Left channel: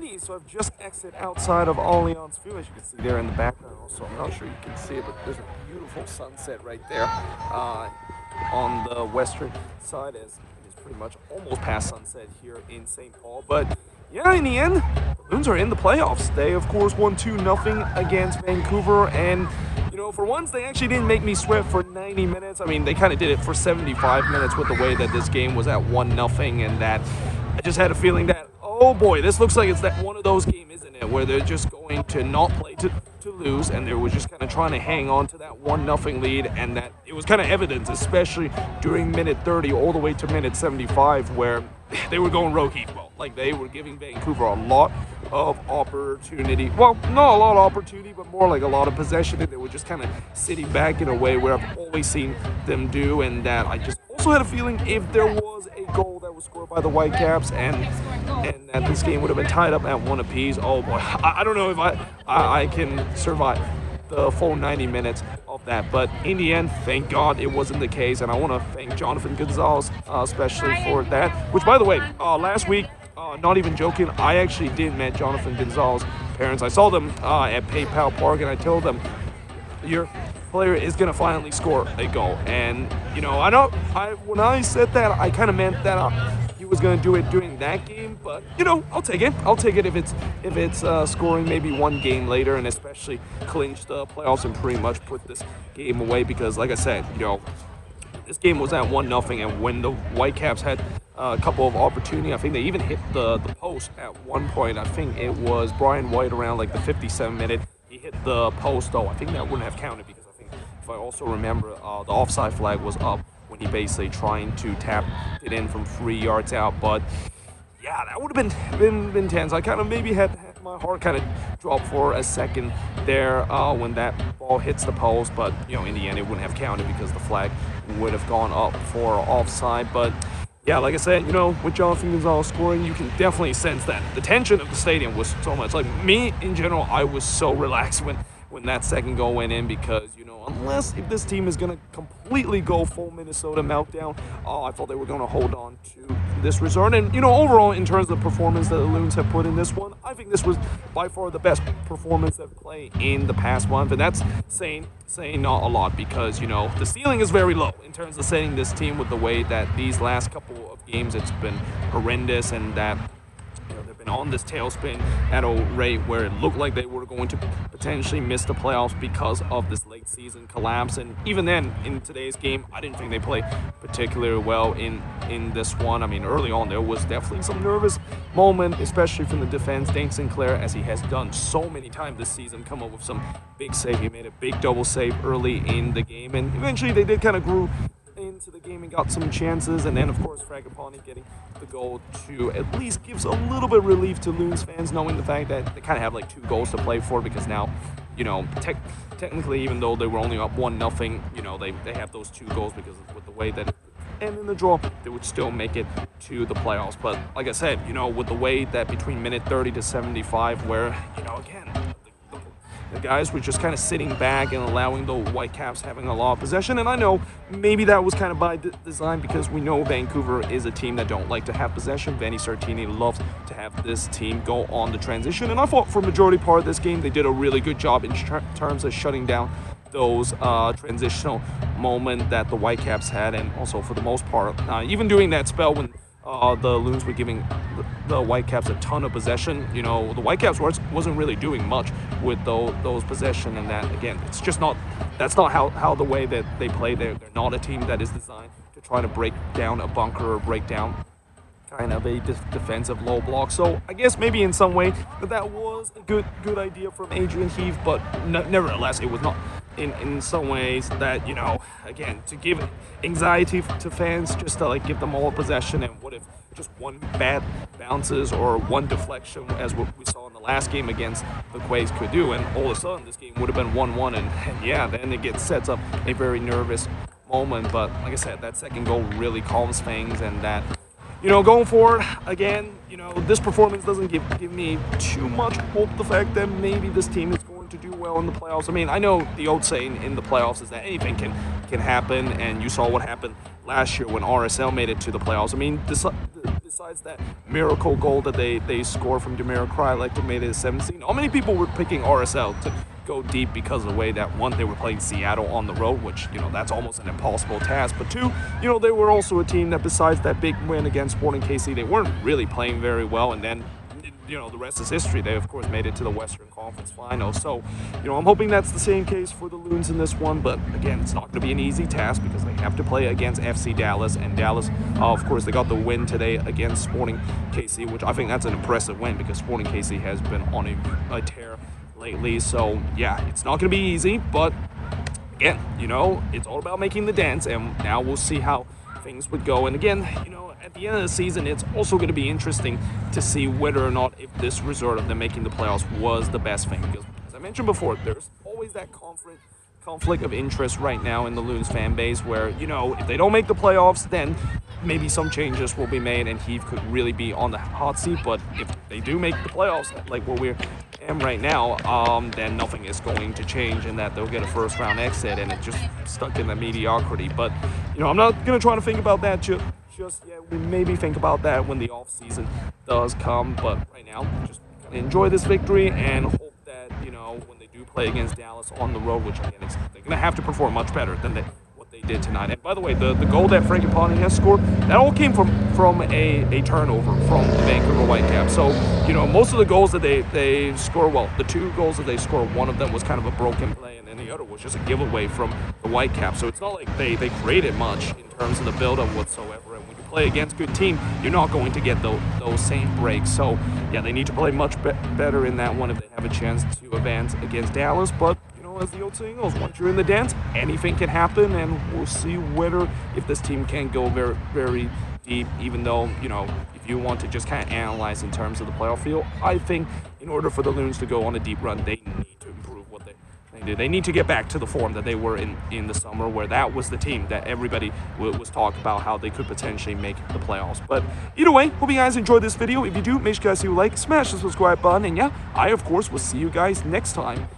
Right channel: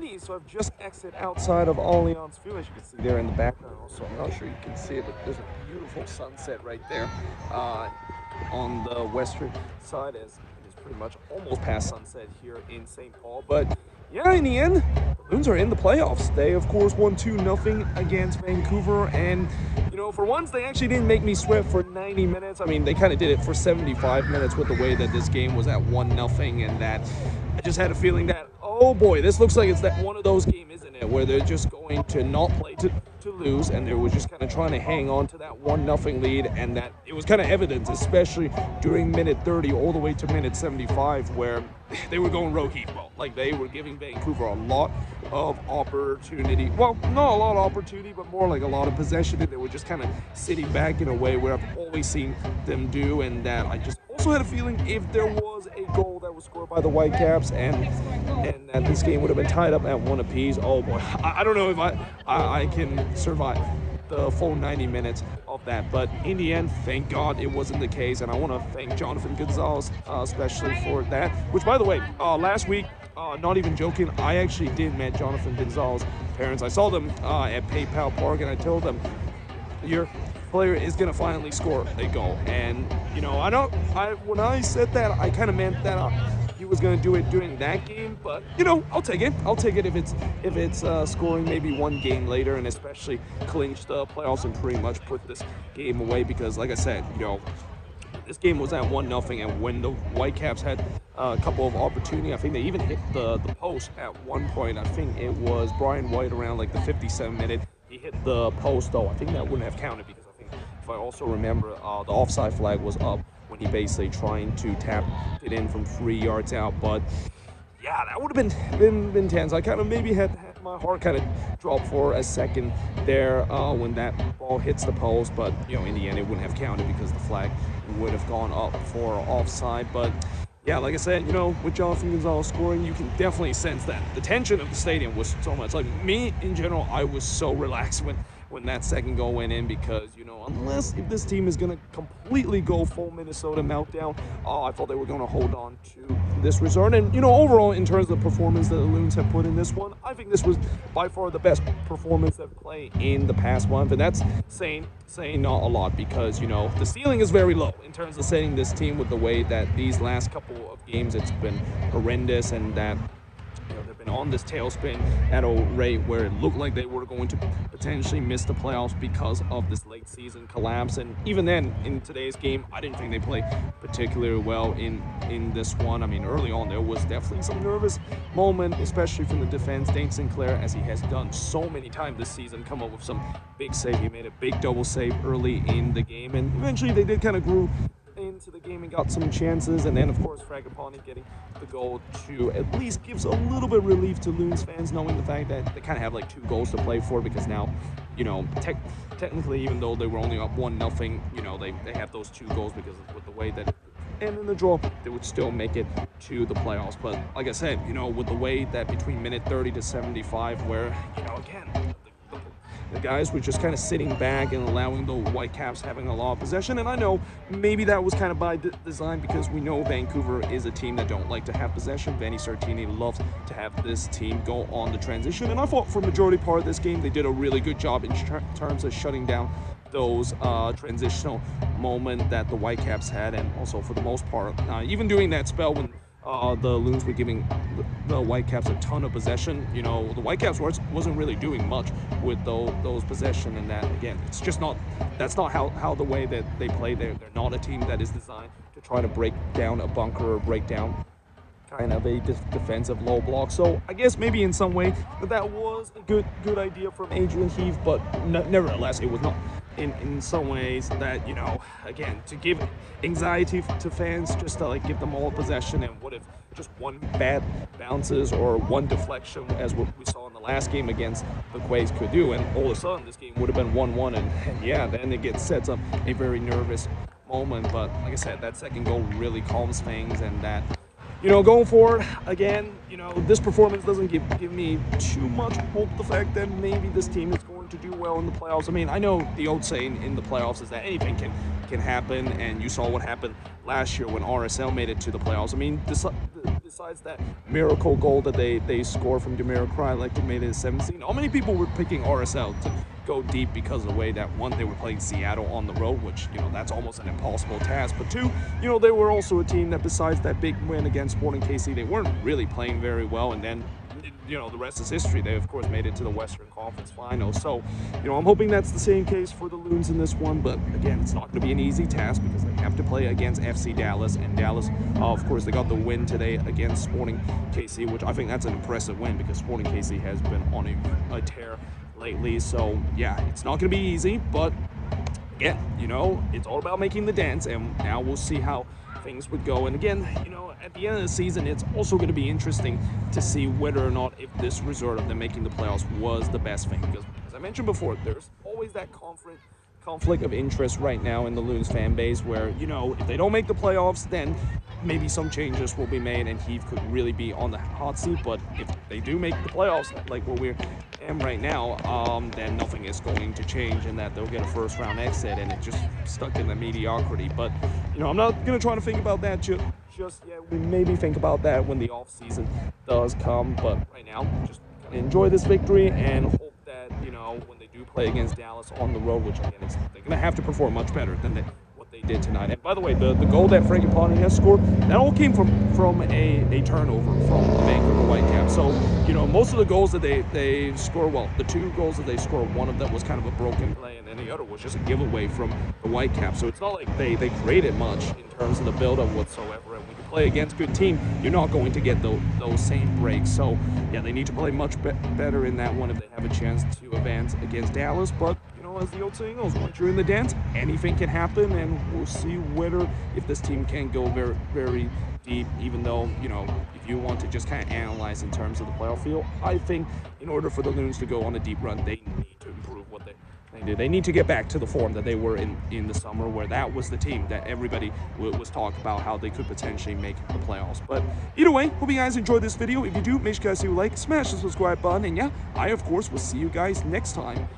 90, so I've just exited outside of Allianz Field, as you can see there in the background. Also, I'm not sure you can see it, but there's a beautiful sunset right there on the western side, as it is pretty much almost past sunset here in St. Paul. But yeah, in the end, the Loons are in the playoffs. They, of course, won 2-0 against Vancouver, and for once, they actually didn't make me sweat for 90 minutes. I mean, they kind of did it for 75 minutes with the way that this game was at 1-0, and that I just had a feeling that, oh boy, this looks like it's that one of those games, isn't it, where they're just going to not play to lose, and they were just kind of trying to hang on to that 1-0 lead, and that it was kind of evident, especially during minute 30 all the way to minute 75, where they were going rogue heat ball. Like, they were giving Vancouver a lot of opportunity. Well, not a lot of opportunity, but more like a lot of possession, and they were just kind of sitting back in a way where I've always seen them do, and that I just also had a feeling if there was a goal that was scored by the Whitecaps and that this game would have been tied up at 1 apiece, oh boy, I don't know if I can survive the full 90 minutes of that. But in the end, thank God it wasn't the case, and I want to thank Jonathan Gonzalez especially for that, which, by the way, last week, not even joking, I actually did meet Jonathan Gonzalez's parents. I saw them at PayPal Park, and I told them, your player is going to finally score a goal. And, when I said that, I kind of meant that he was going to do it during that game, but, I'll take it. I'll take it if it's scoring maybe one game later, and especially clinch the playoffs and pretty much put this game away, because, like I said, this game was at 1-0, and when the Whitecaps had a couple of opportunity, I think they even hit the post at one point. I think it was Brian White around like the 57th minute. He hit the post, though. I think that wouldn't have counted, because I think, if I also remember, the offside flag was up when he basically trying to tap it in from 3 yards out. But yeah, that would have been tense. I kind of maybe had my heart kind of drop for a second there when that ball hits the post, but in the end it wouldn't have counted because the flag would have gone up for offside. But yeah, like I said, with Jonathan Gonzalez scoring, you can definitely sense that the tension of the stadium was so much. Like, me in general, I was so relaxed when that second goal went in, because unless if this team is going to completely go full Minnesota meltdown, I thought they were going to hold on to this result. And overall, in terms of the performance that the Loons have put in this one, I think this was by far the best performance they've played in the past month, and that's saying not a lot, because the ceiling is very low in terms of setting this team with the way that these last couple of games it's been horrendous, and that they've been on this tailspin at a rate where it looked like they were going to potentially miss the playoffs because of this late season collapse. And even then, in today's game, I didn't think they played particularly well in this one. I mean, early on there was definitely some nervous moment, especially from the defense. Dane Sinclair, as he has done so many times this season, come up with some big save. He made a big double save early in the game, and eventually they did kind of grew into the game and got some chances. And then, of course, Fragapane getting the goal to at least gives a little bit of relief to Loons fans, knowing the fact that they kind of have like 2 goals to play for, because now, technically, even though they were only up 1-0, they have those 2 goals, because with the way that and in the draw, they would still make it to the playoffs. But like I said, with the way that between minute 30 to 75, where, again, the guys were just kind of sitting back and allowing the Whitecaps having a lot of possession. And I know maybe that was kind of by design, because we know Vancouver is a team that don't like to have possession. Vanni Sartini loves to have this team go on the transition. And I thought for majority part of this game, they did a really good job in terms of shutting down those transitional moment that the Whitecaps had. And also, for the most part, even during that spell when the Loons were giving the Whitecaps a ton of possession, the Whitecaps wasn't really doing much with those possession. And that, again, it's just that's not how the way that they play. They're not a team that is designed to try to break down a bunker or break down kind of a defensive low block. So I guess maybe in some way that was a good idea from Adrian Heath, but nevertheless, it was not in some ways that, again, to give anxiety to fans, just to like give them all possession, and what if just one bad bounces or one deflection, as what we saw in the last game against the Quays, could do, and all of a sudden this game would have been 1-1, and yeah, then it sets up a very nervous moment. But like I said, that second goal really calms things, and that, going forward, again, this performance doesn't give me too much hope, the fact that maybe this team is going to do well in the playoffs. I mean, I know the old saying in the playoffs is that anything can happen, and you saw what happened last year when RSL made it to the playoffs. I mean, this besides that miracle goal that they scored from Demir Krylak that made it 17, how many people were picking RSL to go deep because of the way that, one, they were playing Seattle on the road, which, you know, that's almost an impossible task, but two, you know, they were also a team that, besides that big win against Sporting KC, they weren't really playing very well, and then, you know, the rest is history. They, of course, made it to the Western Conference Final. So, you know, I'm hoping that's the same case for the Loons in this one. But, again, it's not going to be an easy task because they have to play against FC Dallas. And Dallas, of course, they got the win today against Sporting KC, which I think that's an impressive win because Sporting KC has been on a tear lately. So, yeah, it's not going to be easy. But, again, you know, it's all about making the dance. And now we'll see how things would go. And, again, you know, at the end of the season, it's also going to be interesting to see whether or not if this result of them making the playoffs was the best thing. Because, as I mentioned before, there's always that conflict of interest right now in the Loons fan base where, you know, if they don't make the playoffs, then maybe some changes will be made and Heath could really be on the hot seat. But if they do make the playoffs, like what we're in right now, then nothing is going to change in that they'll get a first round exit and it's just stuck in the mediocrity. But, you know, I'm not going to try to think about that just yet. We maybe think about that when the off season does come. But right now, just enjoy this victory and hope that, you know, when they do play against Dallas on the road, which again, they're going to have to perform much better than what they did tonight. And by the way, the goal that Frankie Ponting has scored, that all came from a turnover from the Vancouver Whitecaps. So, you know, most of the goals that they score, well, the two goals that they score, one of them was kind of a broken play, and then the other was just a giveaway from the Whitecaps. So it's not like they created much in terms of the build-up whatsoever. And when you play against a good team, you're not going to get those same breaks. So, yeah, they need to play much better in that one if they have a chance to advance against Dallas. But, you know, as the old saying goes, once you're in the dance, anything can happen, and we'll see whether if this team can go very, very deep, even though, you know, if you want to just kind of analyze in terms of the playoff field, I think in order for the Loons to go on a deep run, they need to improve what they do. They need to get back to the form that they were in the summer, where that was the team that everybody was talking about how they could potentially make the playoffs. But either way, hope you guys enjoyed this video. If you do, make sure you guys do like, smash the subscribe button, and yeah, I, of course, will see you guys next time.